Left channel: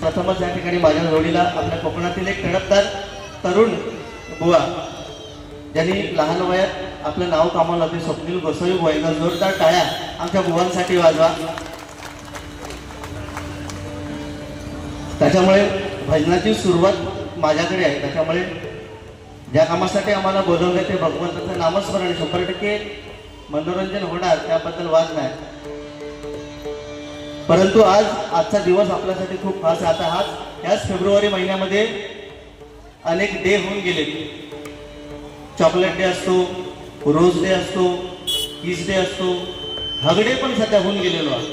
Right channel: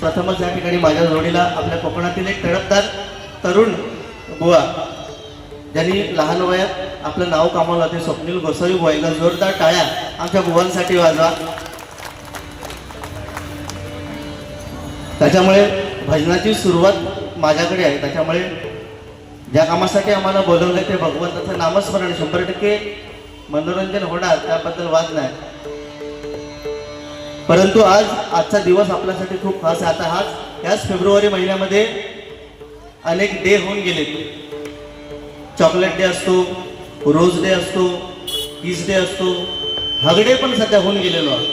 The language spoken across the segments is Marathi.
प्रथमच या ठिकाणी माझ्या जोडीला आपल्या कोकणातील एक तडफदार तरुण बुवा ज्यांनी लहान वयात आपलं नाव कमावलं ते स्वप्नील गोसावी बुवा. एकदा जोरदार टाळ्या आमच्या बुवांसाठी वाजवा. त्याच्यामुळे भजनाची सुरुवात माझ्याकडे आहे. त्याच्यामुळे ज्या कामासाठी आम्हाला बोलवलं ते भगवंताचं नामस्मरण 100% मनोरंजन होणार त्याबद्दल वाद नाही. परंतु आजचा दिवस आपल्यासाठी खूप खास आहे. आता याच फेब्रुवारी महिन्यामध्ये अनेक डे होऊन गेले. चॉकलेट डे असतो, रोज डे असतो, किस डे असतो, हग डे पण सध्या होऊन गेलेलो आहे.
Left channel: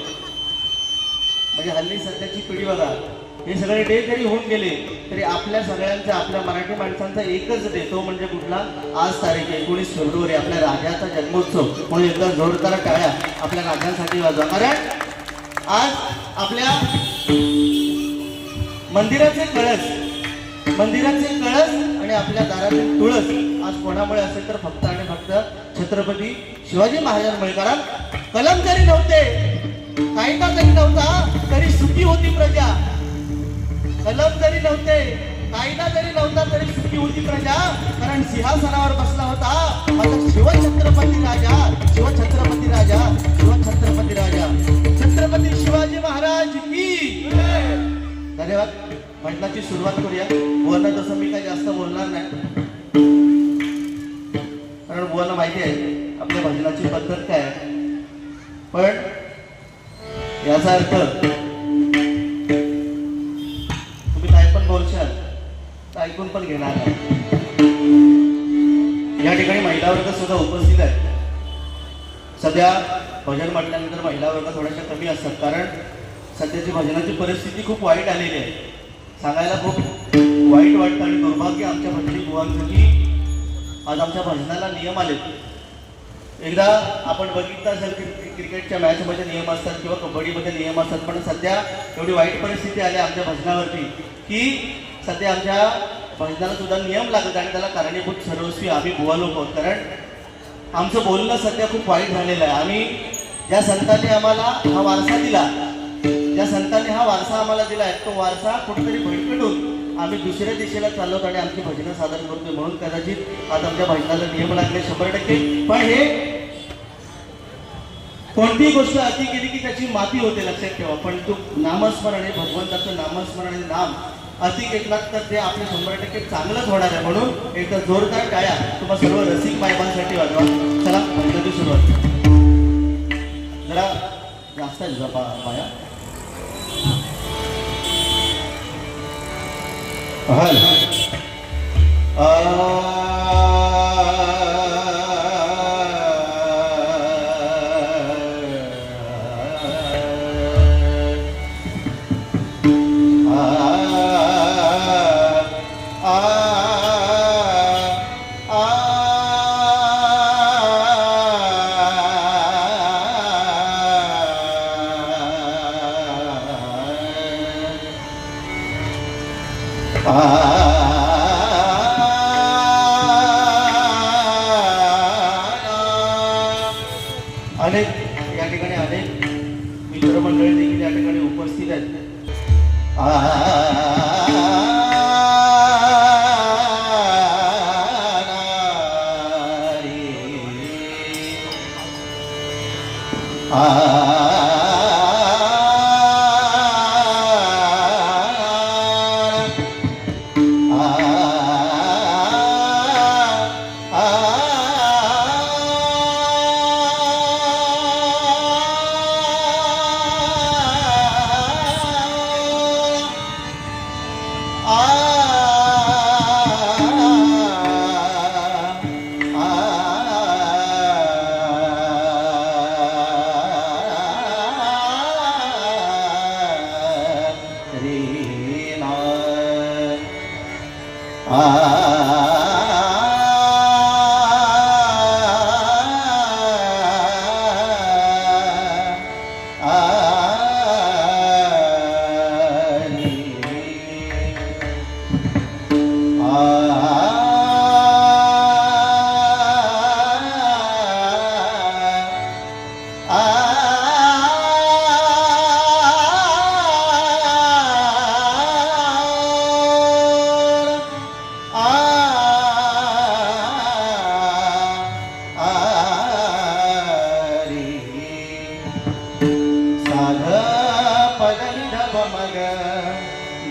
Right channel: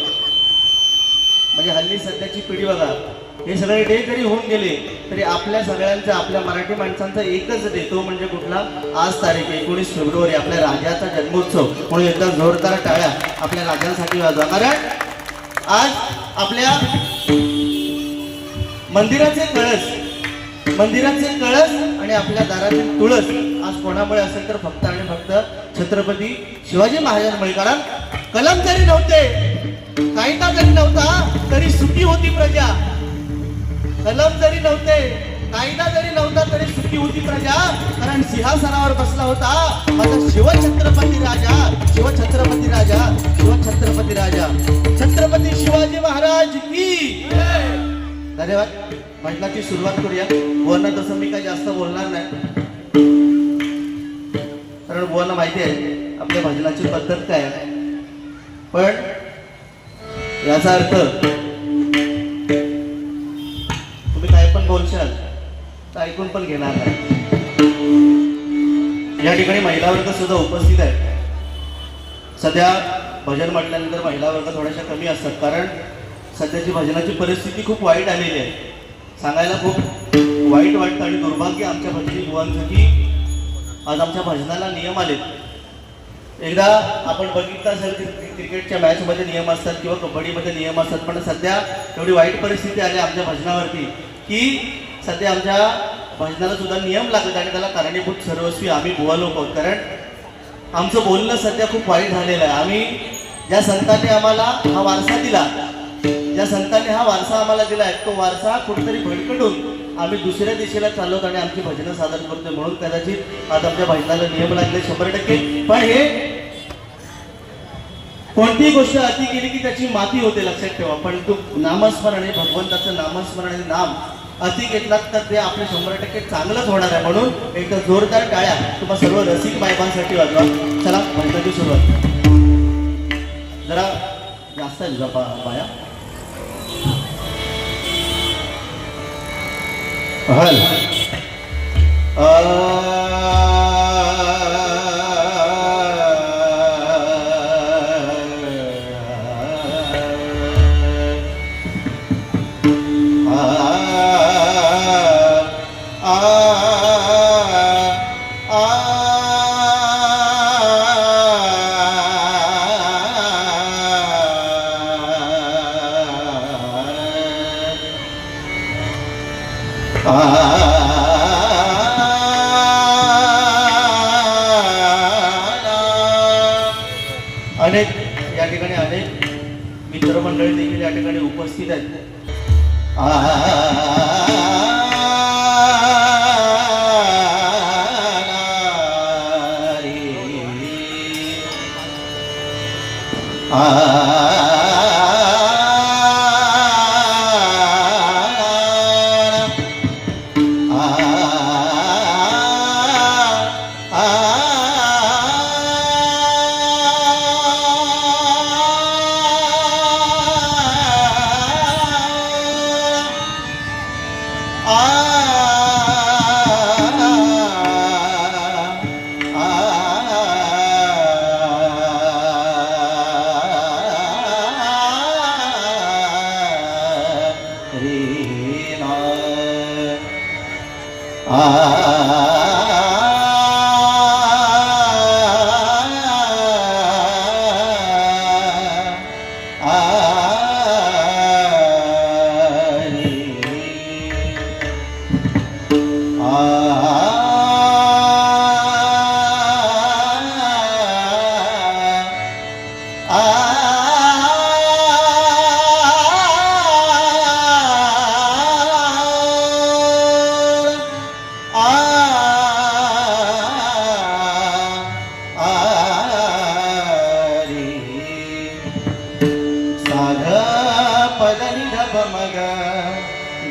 म्हणजे हल्ली सध्याची पिढी बघा, हे सगळे डे जरी होऊन गेले तरी आपल्या सगळ्यांचा, आपल्या मराठी माणसांचा एकच डे, तो म्हणजे कुठला? आज तारीख 19 फेब्रुवारी, आपल्या राजाचा जन्मोत्सव. म्हणून एकदा जोरदार टाळ्या आपल्या राजांसाठी वाजवा. कारण आज आपल्या मंदिराचे कळस आणि आपल्या दारातील तुळस आज कोणामुळे असेल तर फक्त आणि फक्त छत्रपती शिवाजी महाराजांमुळे. कारण कलम जरी नव्हते, कायदा जरी नव्हता तरी सुखी होती प्रजा. कलम जरी नव्हते, कायदा जरी नव्हता तरी सुखी होती प्रजा. कारण सिंहासनावर बसला होता माझा शिवछत्रपती राजा, शिवछत्रपती राजा, शिवछत्रपती राजा, छत्रपती शिवाजी महाराज की. धन्यवाद. म्हटल्याची सुरुवात करूया. बुवांना तसं मी काही जास्त बोलणार नाही, कारण बुवांना माहिती आहे आपल्या भजनाची पद्धत काय. पण याचा अर्थ तुम्ही काय पण बोलशाल तर ऐकून पण घेणार नाही. या ठिकाणी महिला वर्ग सुद्धा उपस्थित आहे. सध्या भजन म्हटल्यानंतर महिला वर्ग थोड्याशा कमी असतात, कारण सध्याची भजनाची परिस्थिती खूप वाईट आलेली आहे. सांगायला खूप वाईट वाटतं आणि दुर्भाग्य आमच्या भजनी बुवांचं की आज आमच्या भजनाला नियम आलेत. एकदा आपण बघितलं असेल की क्रिकेटच्या मॅचमध्ये नियम असतात किंवा कबड्डीमध्ये नियम असतात, पण सध्या एवढी वाईट परिस्थिती आली आमच्या भजनावरती की सध्या आमच्या भजनाला सुद्धा नियम लागत आणि त्याला कारणीभूत सर्वस्वी आम्ही बुवा लोक आहोत. कारण आमचं बोलणं सध्या खूप वाईट झालेलं आहे. आम्ही ज्या संतांनी आम्हाला हा वारसा दिला, ज्या संतांनी हा वारसा आम्हाला दिला आहे, तो वारसा कुठेतरी भडकटून आम्ही दुसऱ्या दिशेला चालवत आणि आमची भजनं सादर करतोय. म्हणून कदाचित आज आमच्या भजनाला नियम लागले 100%. पण हे कोणतीही गोष्ट अति केली की त्याची माती होते, लक्षात ठेवा. पण तू नामस्मरण आहे, भगवंताचं नामस्मरण आहे, नाम अति घेतलात तर ते आपले 100% चांगलंच होणार आहे. म्हणून एक जोरदार टाळ्या तुम्हा सर्व रसिक मायबांसाठी वाजवा. चला भजनाची सुरुवात. जरा जास्त आहे बाया. हल अनेक या ठिकाणी अनेक मित्रमंडळी देखील या ठिकाणी उपस्थित आहेत.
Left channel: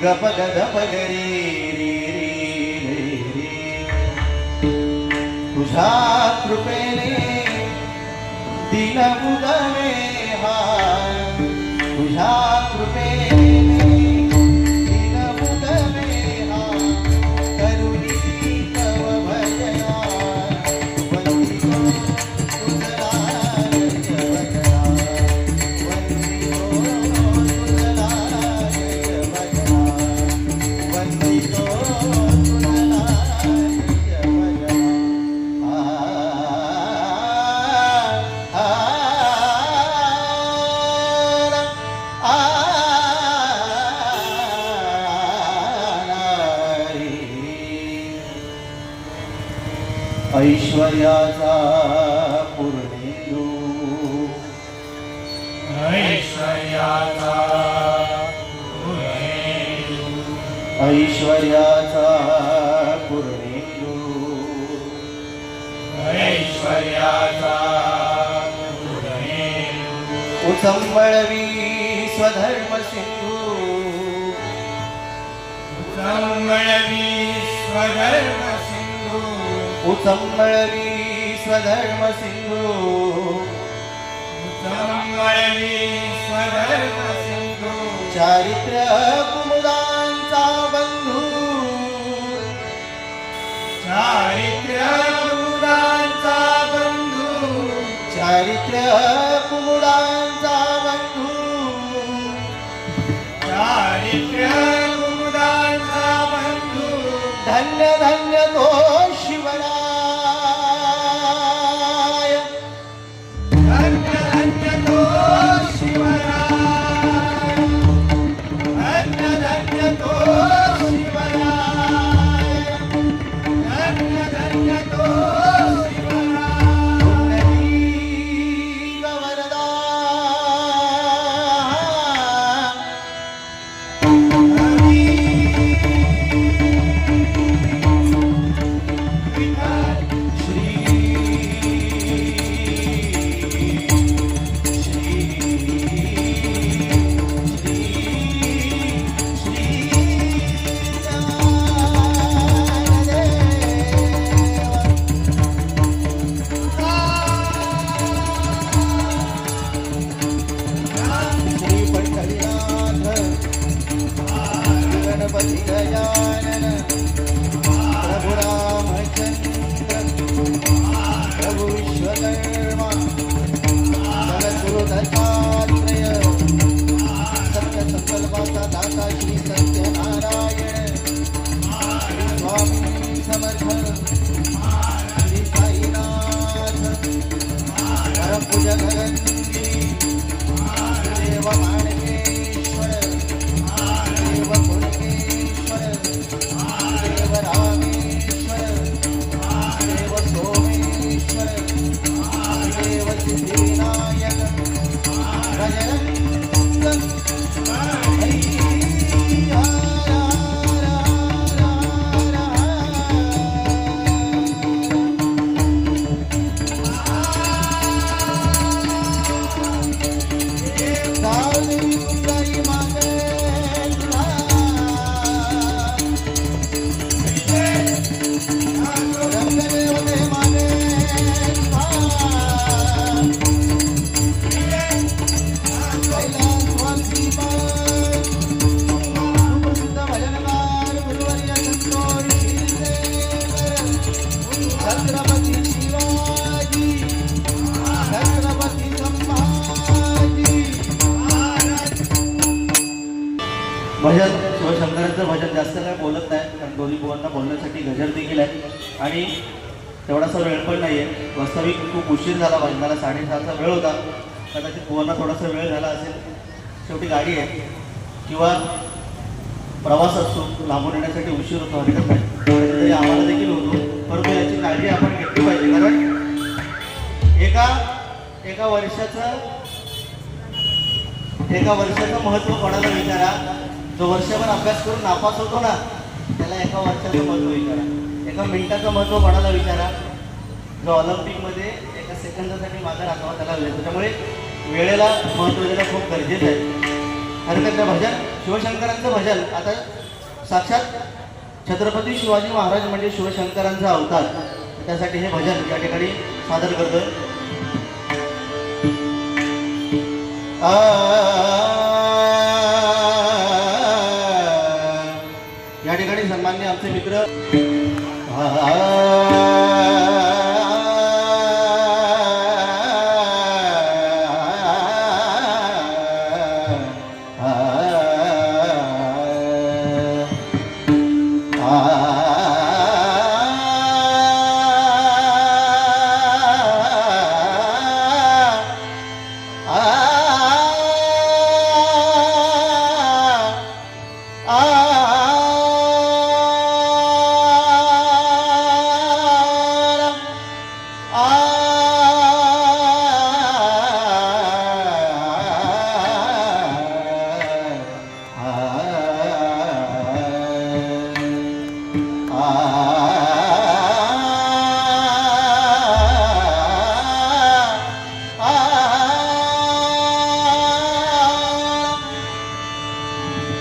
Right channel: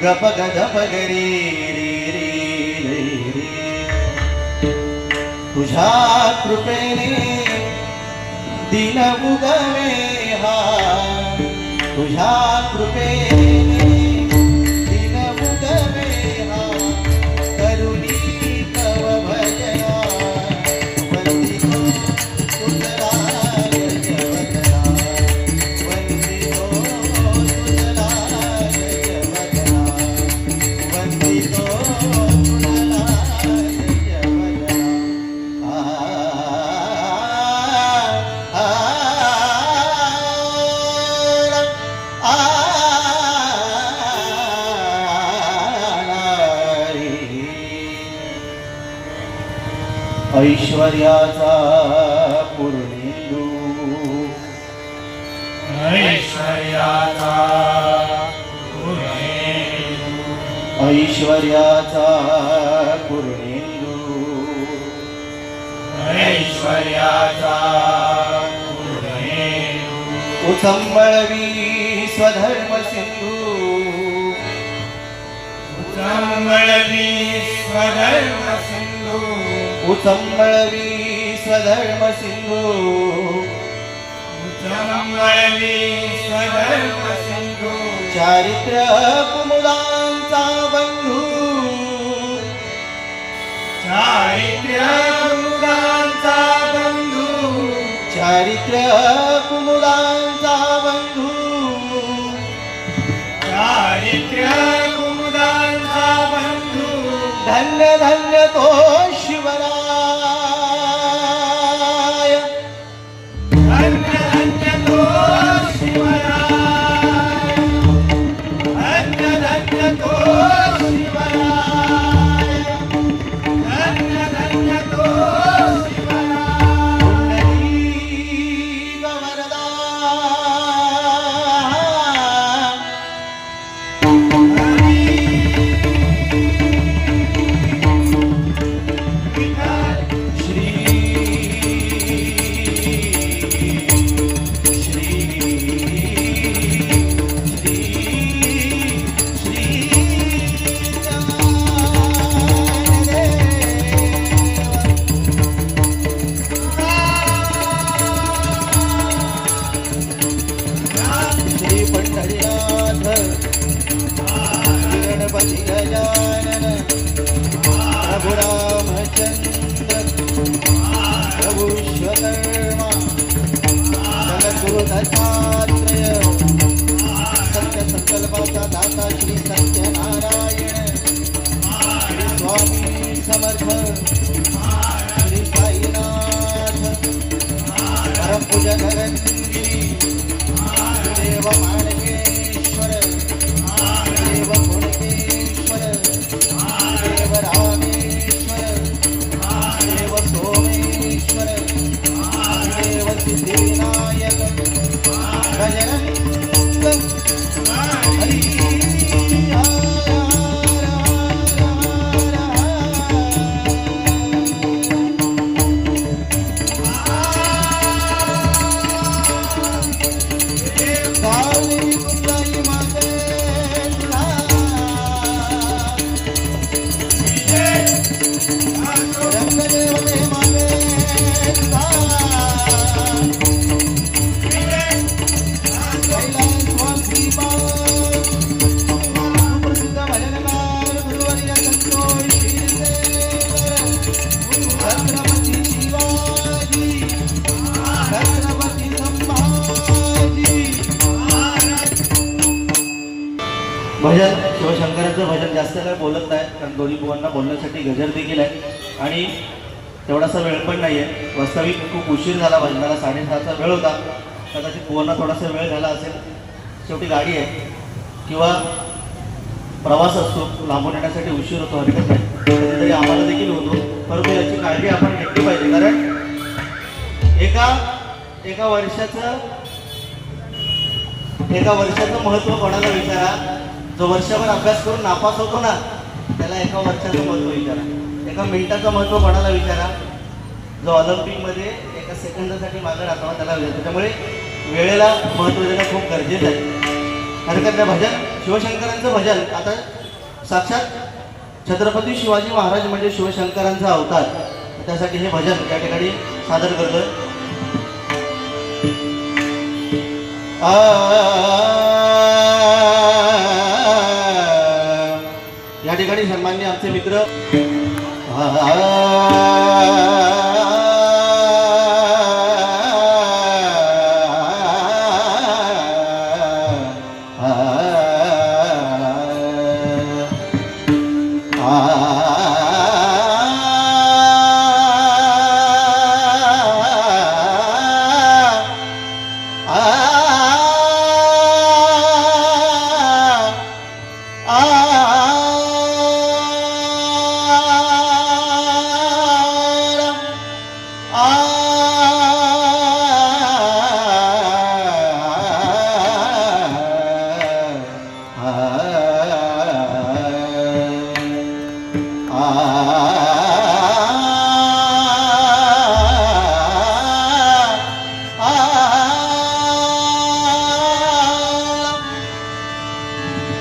गप गप गरी तुझ्या कृपेने दिन उगवे हा तुझ्या कृपेने दिन उगवे हा करुणी तव भजना वंदितो तुझला जगना वंदितो तुझला ऐश्वर्याचा पूर्णेंदू ऐश्वर्याचा पूर्णेंदू ऐश्वर्याचा पूर्णेंदू ऐश्वर्याचा पूर्णेंदू उसंबळवी स्वधर्म सिंधू संवळवी स्वधर्म सिंधू उसंबळवी स्वधर्म सिंधू संवळवी स्वधर्म सिंधू चारित्र्य कुमुदांचा बंधू चारित्र्य मुलांचा बंधू चारित्र्य कुमुदांचा बंधू चारित्र्य मुलांचा बंधू धन्य धन्य तो शिवराय धन्य धन्य तो शिवराय धन्य धन्य तो शिवराय धन्य धन्य तो शिवराय पुंडलीक वरदा श्री पंढरीनाथ गणपती गजानन भजन शिवशंकरांचं भजन जास्त काय बोलत नाही, कारण दोन्ही बुवांना बोलण्यासाठी गजर देखील आहे आणि तेवढासा वेळ पण नाही आहे. वास्तविक खूप उशीर झाला भजनाला, 6:30चा वेळ होता. कदाचित बुवांना थोडासा वेळ झाला असेल. शेवटी गाडी आहे किंवा प्रवास असतो, लांबून येण्यासाठी उशीर होतो, हरकत नाही, कधीतरी आम्हाला देखील होतो. परंतु याची काळजी आपण घेतली पाहिजे, कारण एका वर्षाचं महत्त्व कोणाला विचारा. जो वर्षभर अभ्यास करून नापास होतो ना, त्याला एका वर्षाचं महत्त्व विचारा. एका मिनिटाचं महत्त्व कोणाला विचारा. जो ऑलिम्पिकमध्ये एका सेकंदासाठी मागे राखावा त्याला विचारा. त्यामुळे वेळेला महत्त्व देणं खूप गरजेचं आहे. हरकत नाही. भजन शिवशंकरांचं भजन आता साक्षात छत्रपती शिवाजी महाराज म्हणजे शिवशंकरांचा अवतार. त्यासाठी हे भजन या ठिकाणी सादर करतोय. या ठिकाणी सन्माननीय आमचे मित्र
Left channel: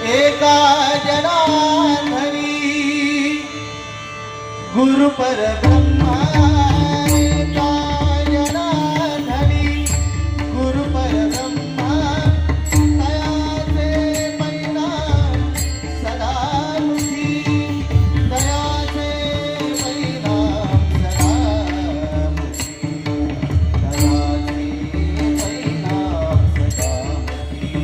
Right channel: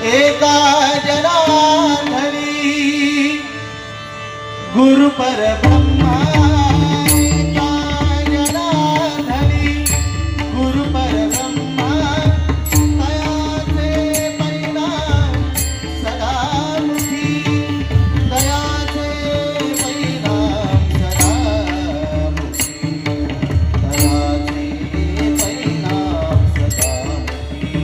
एका जनार्दनी गुरु परब्रह्मा. एका जनार्दनी गुरु परब्रह्मा. दयाचे मैदान सदा मुखी. दयाचे मैदान सदा मुखी. दयाचे मैदान सदा मुखी.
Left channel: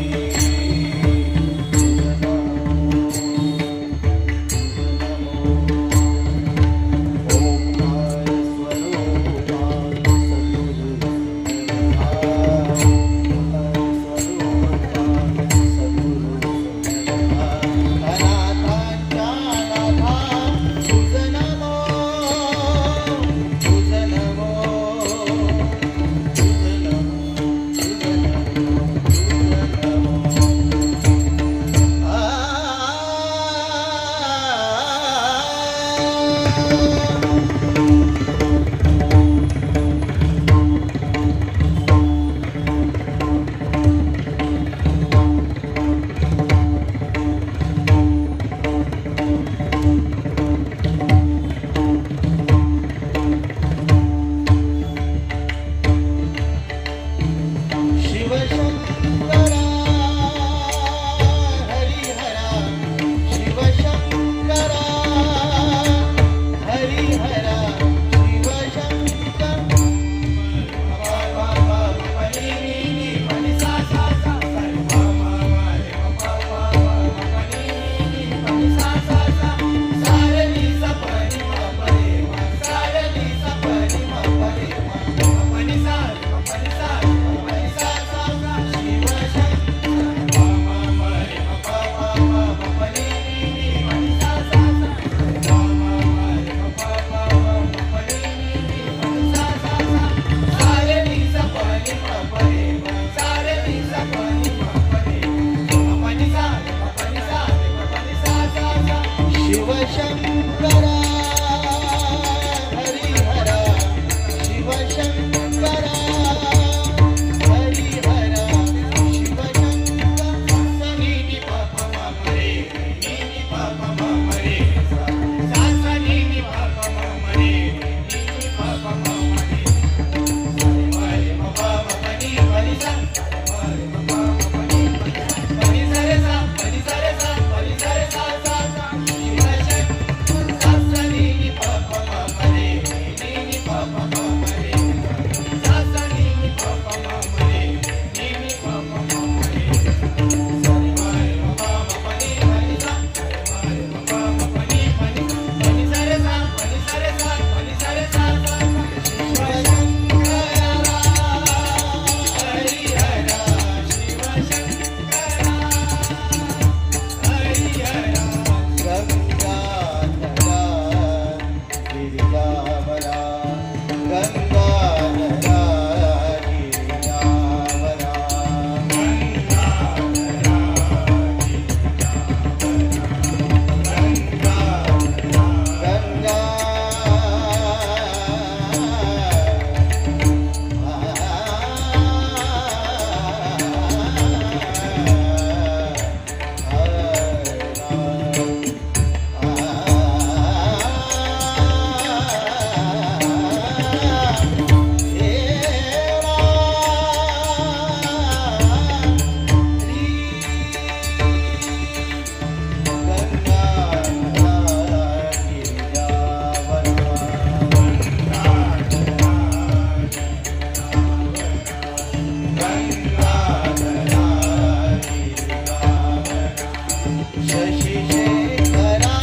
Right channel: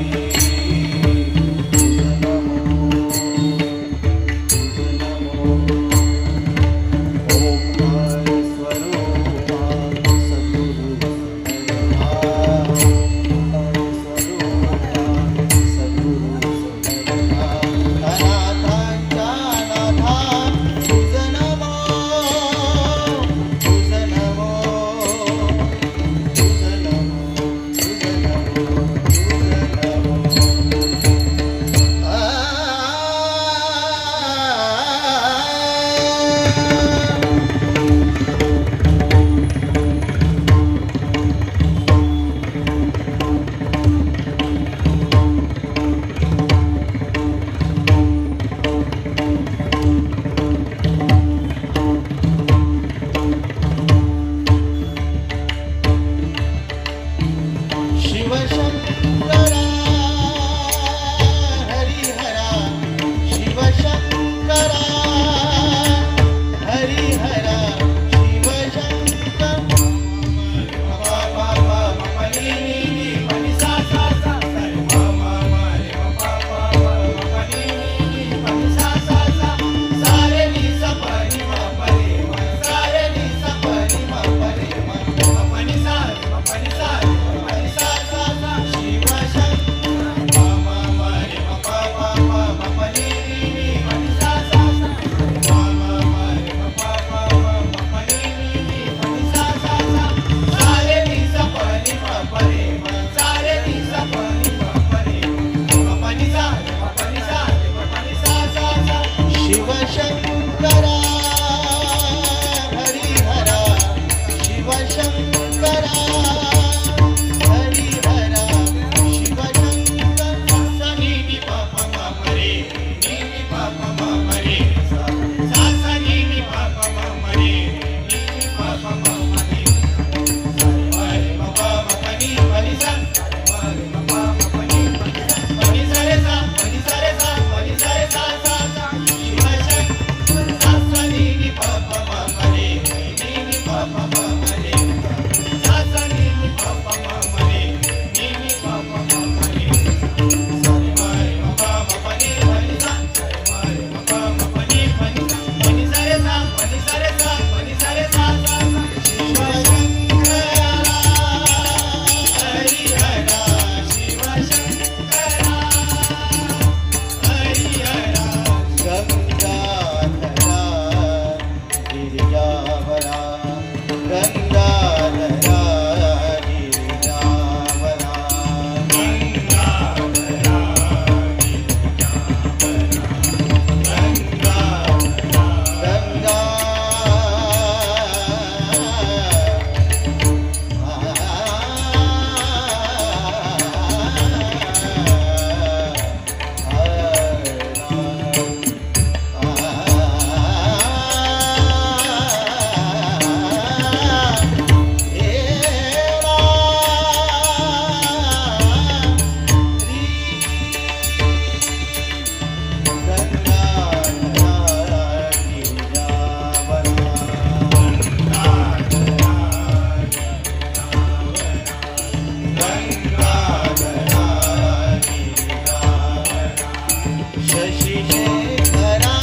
शशी शेखरा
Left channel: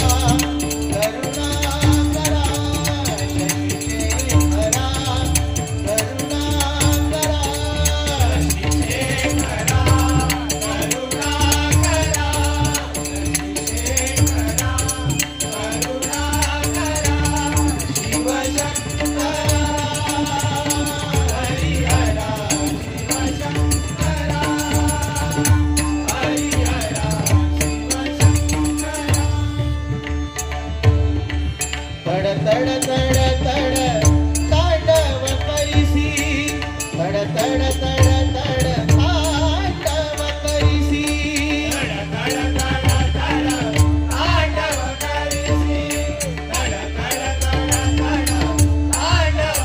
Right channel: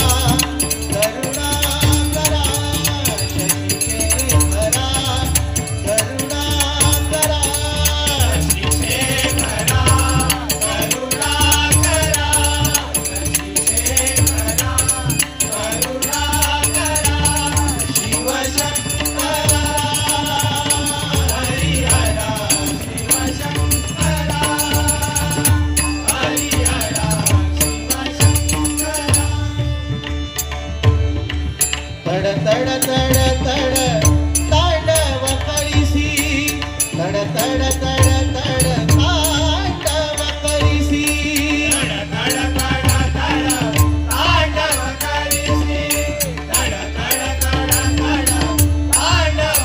करुणा करा शशी शेखरा करुणा करा शशी शेखरा करुणा करा शशी शेखरा करुणा करा शिवशंकरा हरिहरा शिवशंकरा हरिहरा शिवशंकरा तड तड तड तड तांडव करीसी तड तड तड तड तांडव करीसी तड तड तड तड तांडव करीसी तड तड तड तड तांडव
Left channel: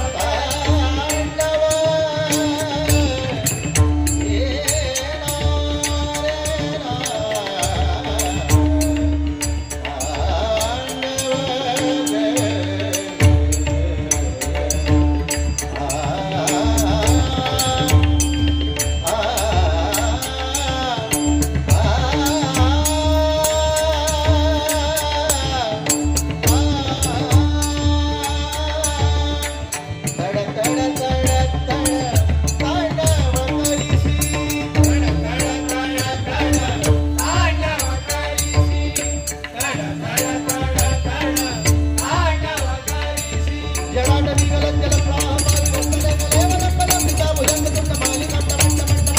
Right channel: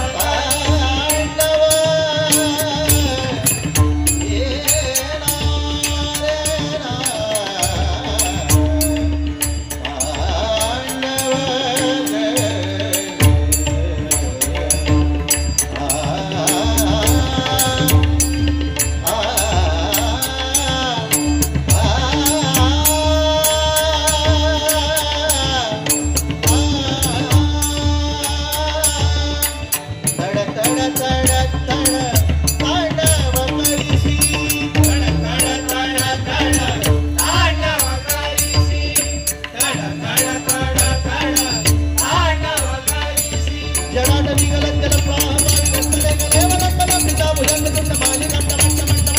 तड तड तड तड तांडव करीसी तड तड तड तड तांडव करीसी तड तड तड तड तांडव करीसी जडाटवी गलज्जल प्रामाणिक कले कलेवलंत पिता भुजंग तुंड मालिका तडंत तड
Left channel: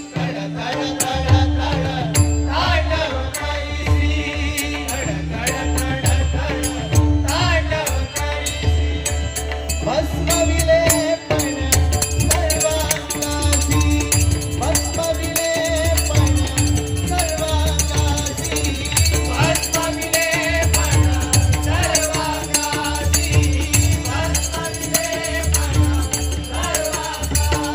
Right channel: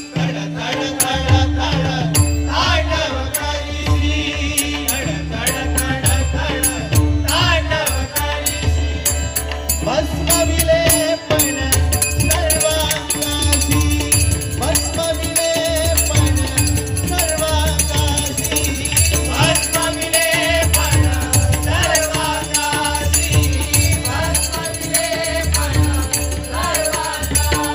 तड तड तड तांडव करीसी तड तड तड तड तांडव करीसी भस्म विलेपन सर्वांगासी भस्म विलेपन सर्वांगासी भस्म विलेपन सर्वांगासी भस्म विलेपन सर्वांगासी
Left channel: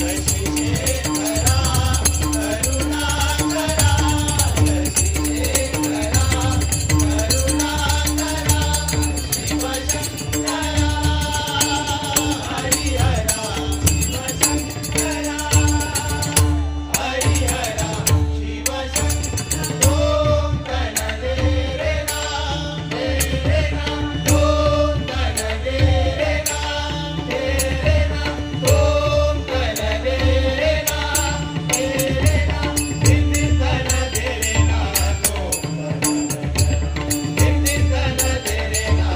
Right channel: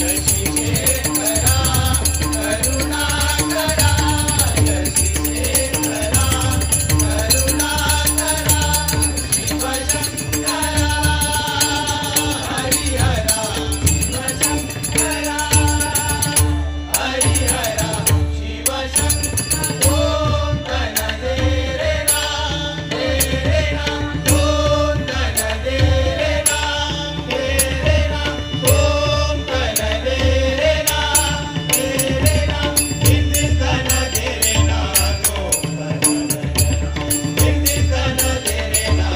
शशी शेखरा करुणा करा शशी शेखरा करुणा करा शिवशंकरा हरिहरा शिवशंकरा हरिहरा शिवशंकरा ओम तन दे रे ना ओम तन दे रे ना ओम तन दे रे ना हिंदी तन दे रे ना हिंदी तन दे रे ना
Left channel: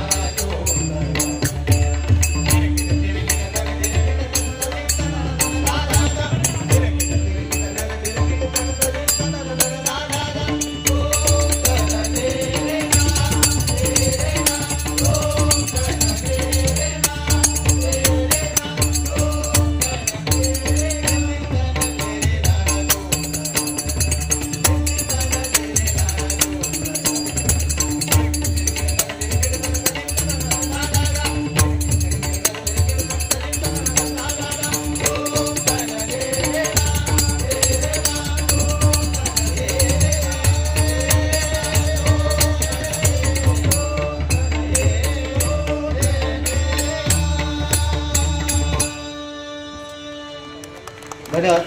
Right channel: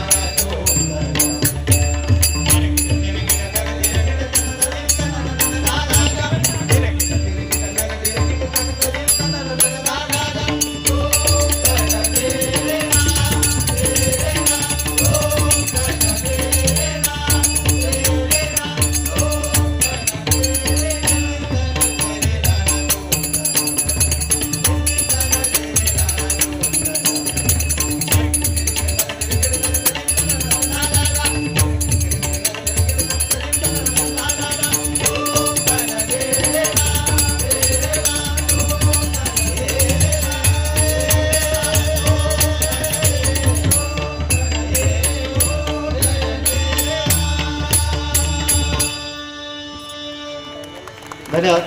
धन्यवाद.